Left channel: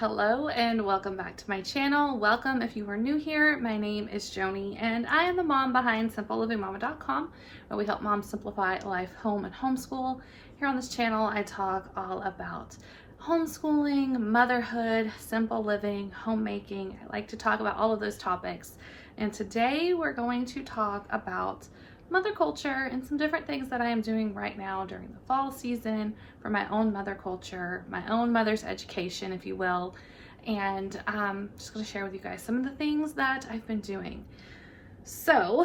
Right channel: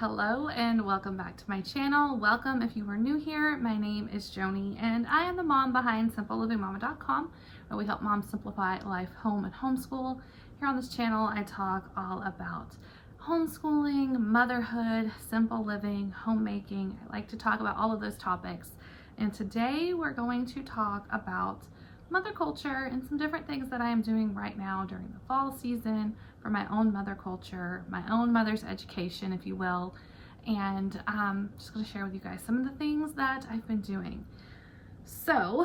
Hello and welcome back to my channel. Welcome if you are new here. My name is Joni and I am the mom behind simplelivingmama.com, where we help moms simplify life, home, and homeschool. Here on this channel I talk all about homeschooling, motherhood, simple living, homemaking. I like to talk about all of those topics, and today we're going to talk about mother culture and some different things that I am doing right now during the fall season for my own mother culture, my own mother's education, if you will. And I'm just going to share with you guys some of the things that I've been doing. So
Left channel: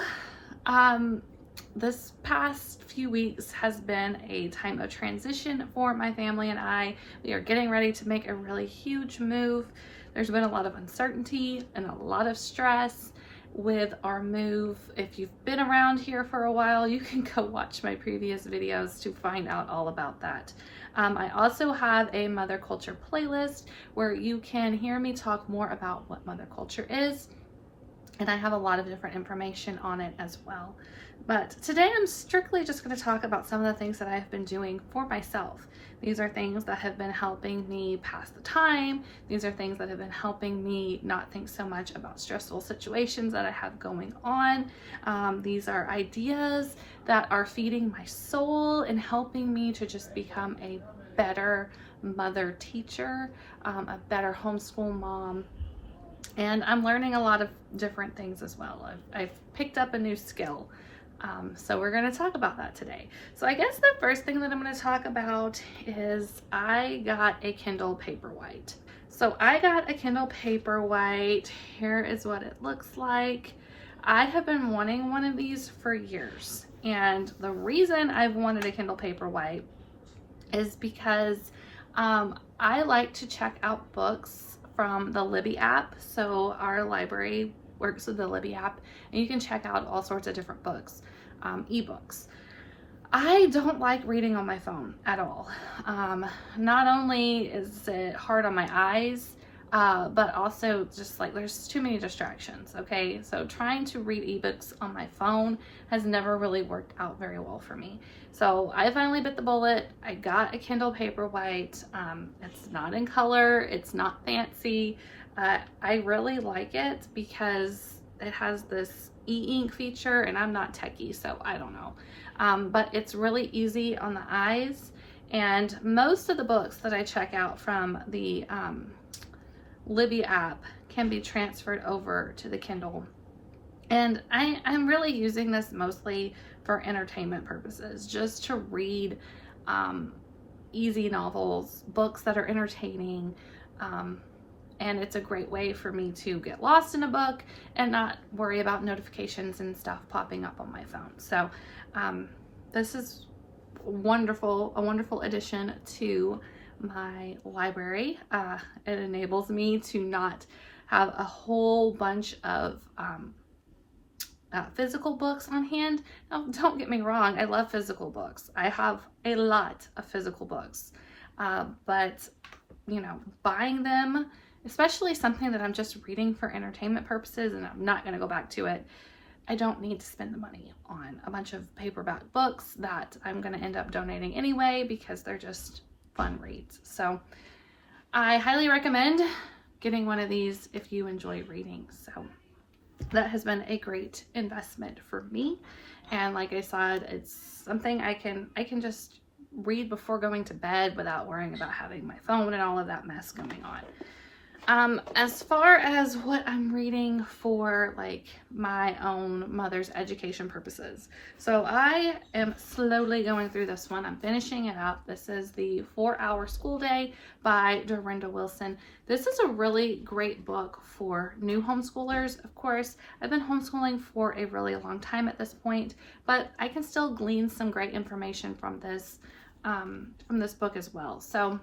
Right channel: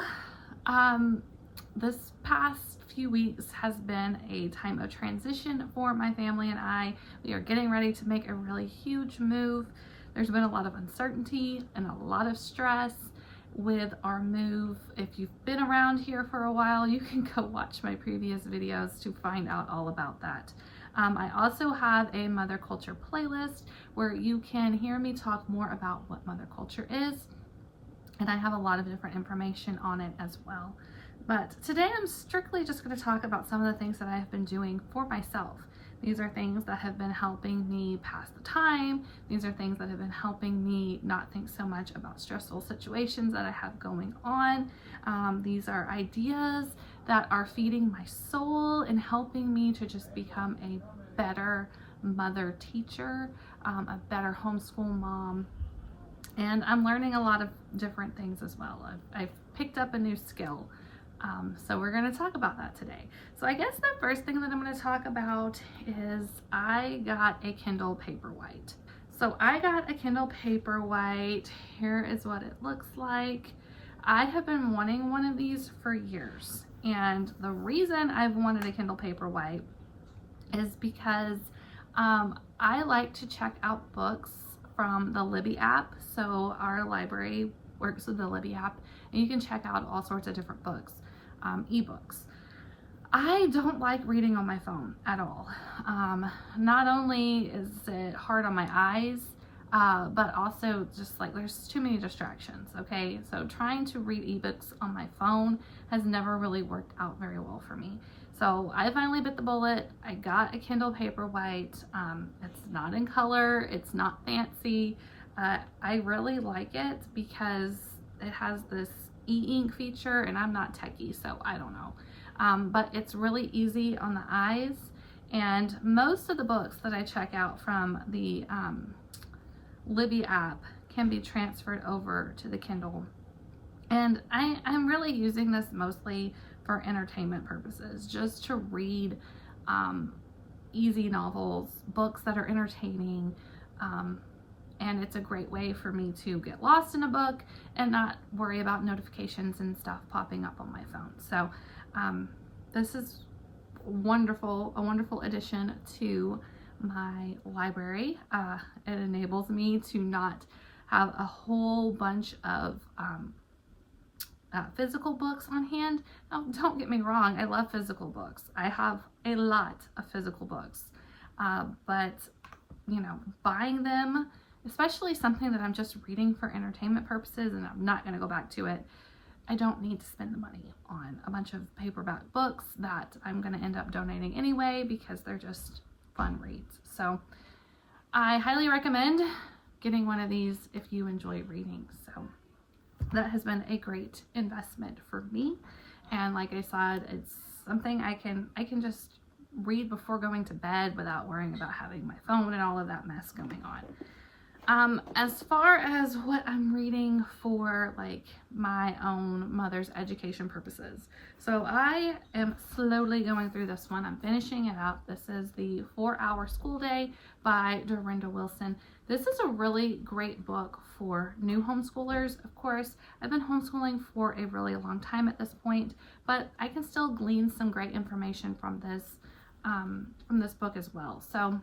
this past few weeks has been a time of transition for my family and I. We are getting ready to make a really huge move. There's been a lot of uncertainty and a lot of stress with our move. If you've been around here for a while, you can go watch my previous videos to find out all about that. I also have a mother culture playlist where you can hear me talk more about what mother culture is, and I have a lot of different information on it as well. But today I'm strictly just going to talk about some of the things that I've been doing for myself. These are things that have been helping me pass the time. These are things that have been helping me not think so much about stressful situations that I have going on. These are ideas that are feeding my soul and helping me to just become a better mother teacher, a better homeschool mom. And I'm learning a lot of different things as well. I've picked up a new skill. So we're going to talk about that today. So I guess the first thing that I'm going to talk about is I got a Kindle Paperwhite. So I got a Kindle Paperwhite. Here is what it looks like. I have been wanting one of these for years. And the reason I've wanted a Kindle Paperwhite is because I like to check out books from the Libby app. So our library works with the Libby app, and you can check out all sorts of different books, ebooks. I don't like reading on my phone at all. Not only is it hard on my eyes, but also just like there's too many distractions. Okay, so trying to read ebooks on my phone has never really worked out very well for me. So I finally bit the bullet. I got a Kindle Paperwhite. It's not in color. It's not fancy. I really like it because it has this e-ink feature, and I'm not techie, so I don't know. But it's really easy on the eyes, and most of the books that I check out from the Libby app can be transferred over to the Kindle. And I'm really using this mostly for entertainment purposes, just to read easy novels, books that are entertaining, and it's a great way for me to get lost in a book and not worry about notifications and stuff popping up on my phone. So this is a wonderful addition to my library. It enables me to not have a whole bunch of physical books on hand. Now, don't get me wrong, I love physical books. I have a lot of physical books, but you know, buying them, especially something that I'm just reading for entertainment purposes and I'm not going to go back to it, I don't need to spend the money on a bunch of paperback books that I'm going to end up donating anyway because they're just fun reads. So I highly recommend getting one of these if you enjoy reading. So that has been a great investment for me, and like I said, it's something I can just read before going to bed without worrying about having my phone and all of that mess going on. As far as what I'm reading for like my own mother's education purposes, so I am slowly going through this one. I'm finishing it up. This is the 4-Hour School Day by Dorinda Wilson. This is a really great book for new homeschoolers. Of course, I've been homeschooling for a really long time at this point, but I can still glean some great information from this book as well. So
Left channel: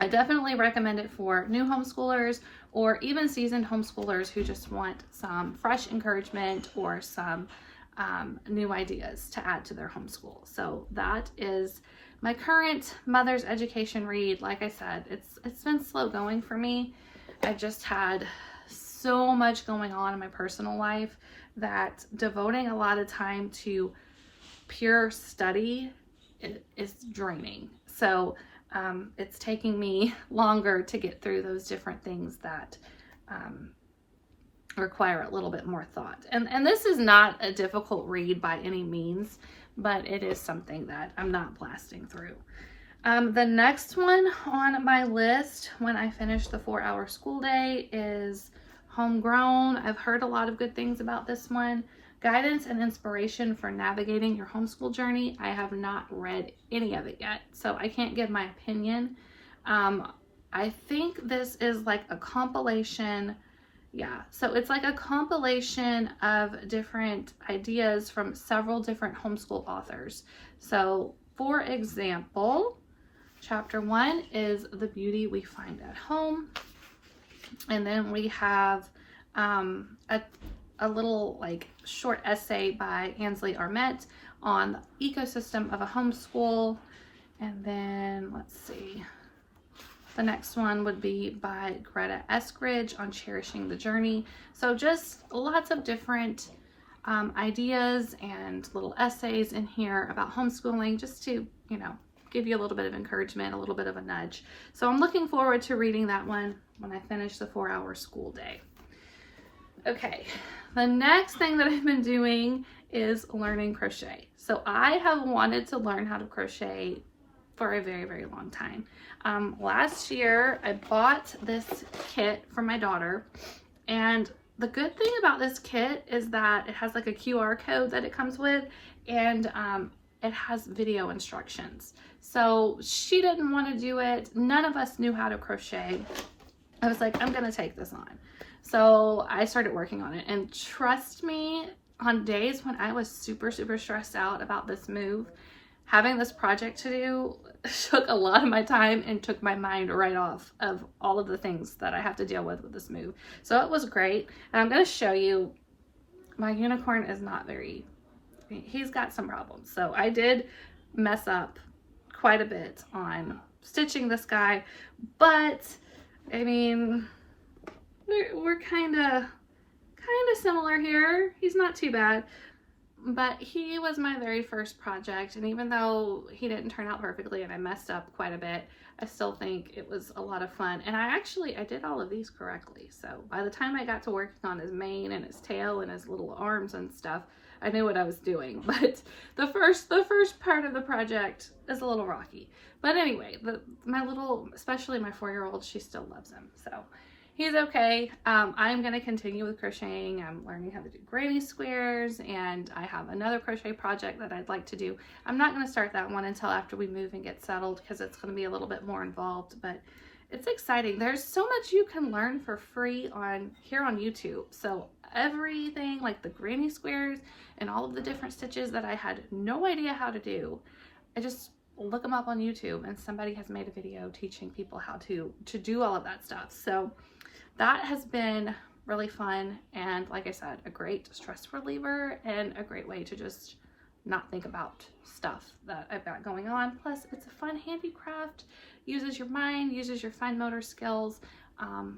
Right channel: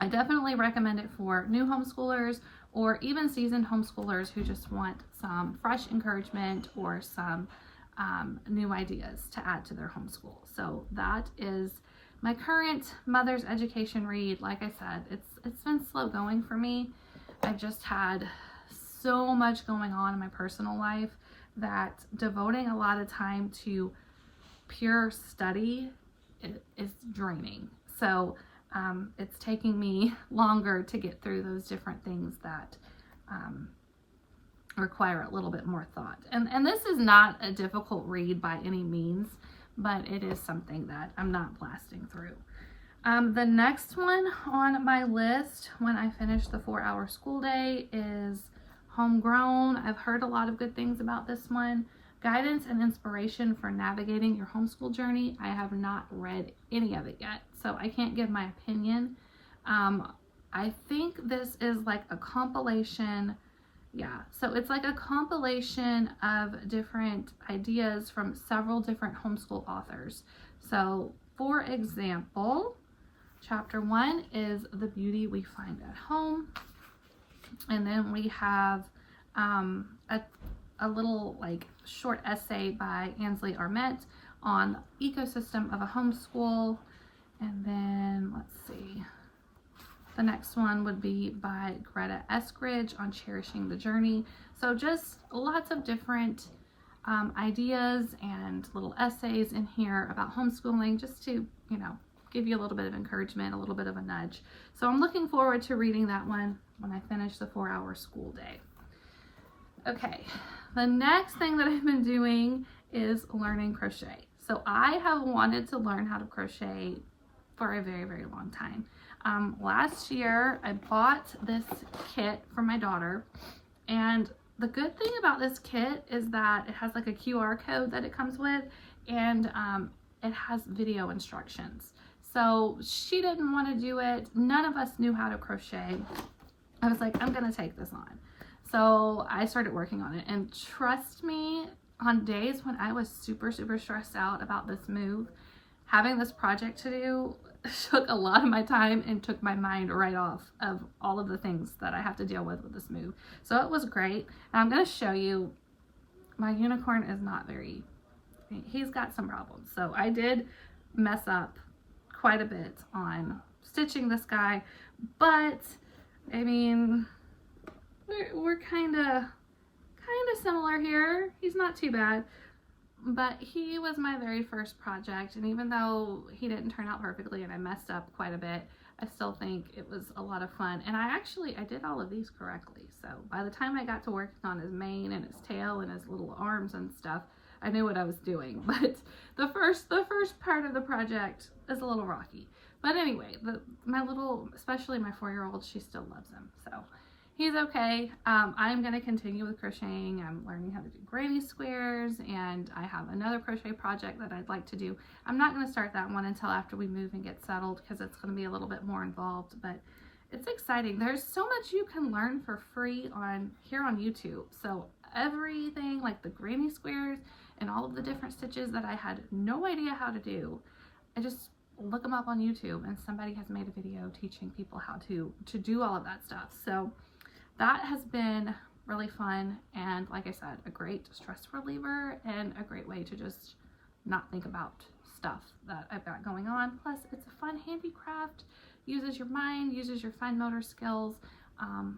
I definitely recommend it for new homeschoolers or even seasoned homeschoolers who just want some fresh encouragement or some new ideas to add to their homeschool. So that is my current mother's education read. Like I said, it's been slow going for me. I've just had so much going on in my personal life that devoting a lot of time to pure study is draining. So it's taking me longer to get through those different things that require a little bit more thought. And this is not a difficult read by any means, but it is something that I'm not blasting through. The next one on my list when I finish the 4-hour school day is Homegrown. I've heard a lot of good things about this one. Guidance and inspiration for navigating your homeschool journey. I have not read any of it yet, so I can't give my opinion. I think this is like a compilation. Yeah, so it's like a compilation of different ideas from several different homeschool authors. So, for example, chapter 1 is The Beauty We Find at Home. And then we have a little like short essay by Ansley Armette on the ecosystem of a homeschool. And then let's see, the next one would be by Greta Eskridge on cherishing the journey. So just lots of different ideas and little essays in here about homeschooling, just to, you know, give you a little bit of encouragement, a little bit of a nudge. So I'm looking forward to reading that one when I finish the 4-hour school day. Okay, the next thing that I've been doing is learning crochet. So I have wanted to learn how to crochet for a very, very long time. Last year I bought this kit for my daughter, and the good thing about this kit is that it has like a QR code that it comes with, and it has video instructions. So she didn't want to do it. None of us knew how to crochet. I was like, I'm gonna take this on. So I started working on it, and trust me, on days when I was super, super stressed out about this move, having this project to do took a lot of my time and took my mind right off of all of the things that I have to deal with this move. So it was great. And I'm going to show you, my unicorn is not very, he's got some problems. So I did mess up quite a bit on stitching this guy, but I mean, we're kind of similar here. He's not too bad. But he was my very first project, and even though he didn't turn out perfectly and I messed up quite a bit, I still think it was a lot of fun. And I did all of these correctly. So by the time I got to working on his mane and his tail and his little arms and stuff, I knew what I was doing. But the first part of the project is a little rocky. But anyway, especially my 4-year-old, she still loves him. So he's okay. I'm going to continue with crocheting. I'm learning how to do granny squares, and I have another crochet project that I'd like to do. I'm not going to start that one until after we move and get settled, because it's going to be a little bit more involved, but it's exciting. There's so much you can learn for free here on YouTube. So everything like the granny squares and all of the different stitches that I had no idea how to do, I just look them up on YouTube, and somebody has made a video teaching people how to do all of that stuff. So that has been really fun, and like I said, a great stress reliever and a great way to just not think about stuff that I've got going on. Plus, it's a fun handicraft, uses your mind, uses your fine motor skills.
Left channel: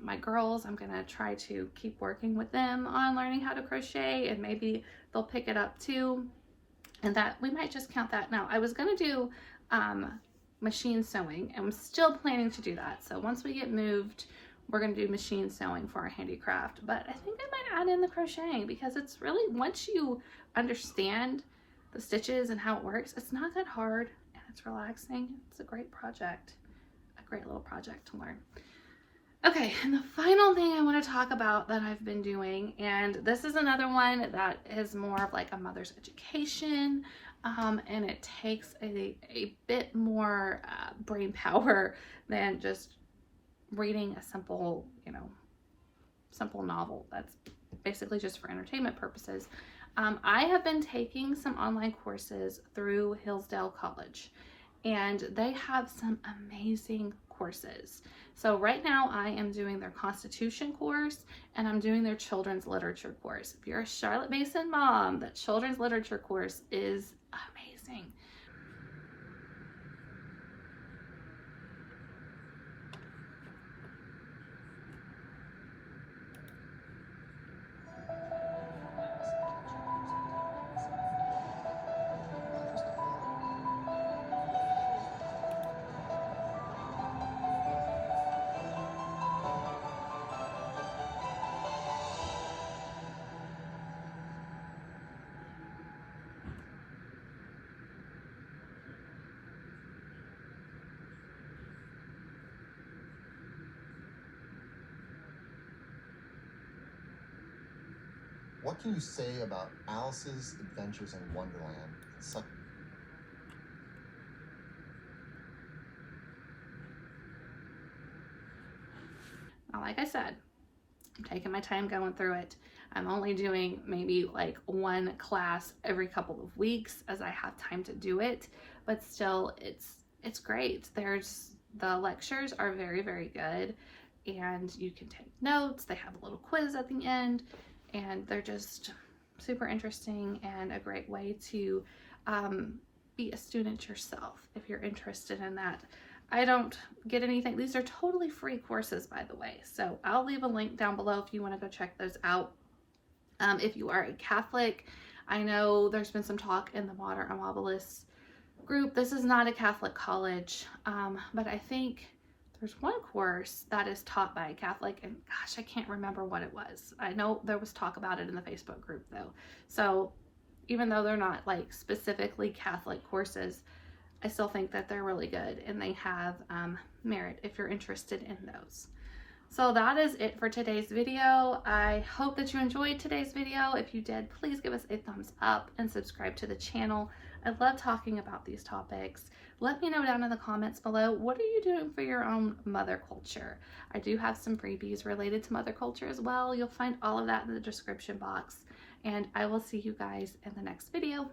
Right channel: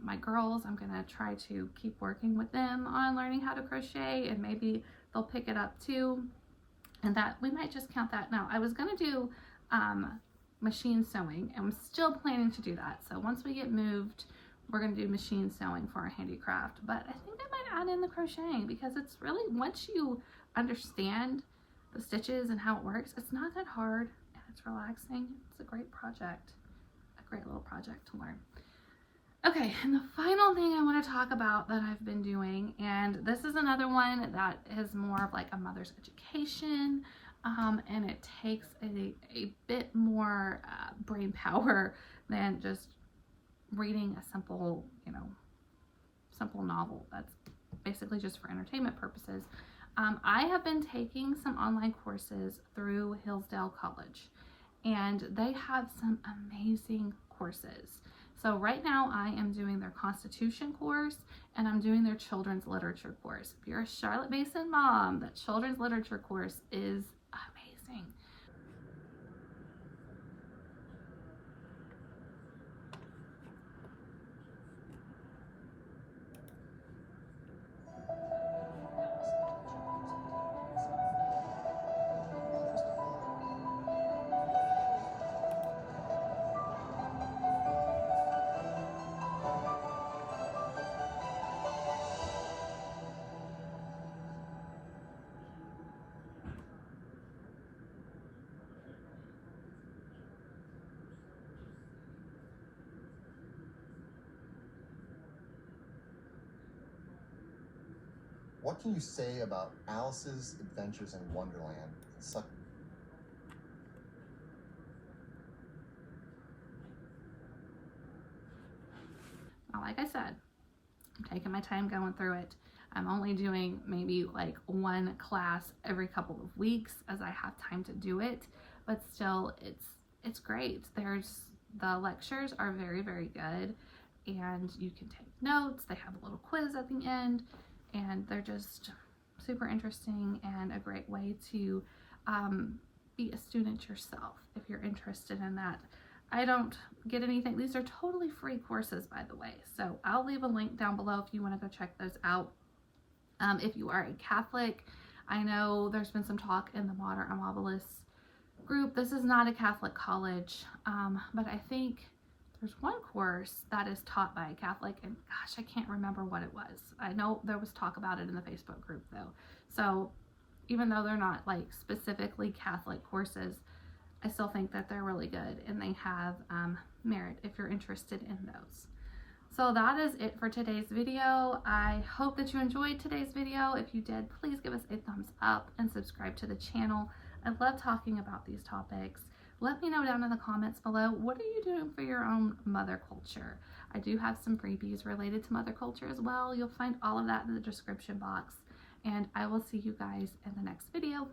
My girls, I'm gonna try to keep working with them on learning how to crochet, and maybe they'll pick it up too, and that we might just count that. Now, I was gonna do machine sewing, and I'm still planning to do that. So once we get moved, we're going to do machine sewing for our handicraft, but I think I might add in the crocheting, because it's really, once you understand the stitches and how it works, it's not that hard, and it's relaxing. It's a great project, a great little project to learn. Okay, and the final thing I want to talk about that I've been doing, and this is another one that is more of like a mother's education, and it takes a bit more brain power than just reading a simple novel that's basically just for entertainment purposes. I have been taking some online courses through Hillsdale College, and they have some amazing courses. So right now I am doing their Constitution course, and I'm doing their children's literature course. If you're a Charlotte Mason mom, that children's literature course is amazing. What can you say about Alice's Adventures in Wonderland? Now, like I said, I'm taking my time going through it. I'm only doing maybe like one class every couple of weeks as I have time to do it, but still it's great. The lectures are very, very good, and you can take notes. They have a little quiz at the end, and they're just super interesting and a great way to be a student yourself if you're interested in that. I don't get anything. These are totally free courses, by the way. So I'll leave a link down below if you want to go check those out. If you are a Catholic, I know there's been some talk in the Modern Immobilists group. This is not a Catholic college, but I think there's one course that is taught by a Catholic, and gosh, I can't remember what it was. I know there was talk about it in the Facebook group though. So even though they're not like specifically Catholic courses, I still think that they're really good, and they have merit if you're interested in those. So that is it for today's video. I hope that you enjoyed today's video. If you did, please give us a thumbs up and subscribe to the channel. I love talking about these topics. Let me know down in the comments below, what are you doing for your own mother culture? I do have some freebies related to mother culture as well. You'll find all of that in the description box. And I will see you guys in the next video.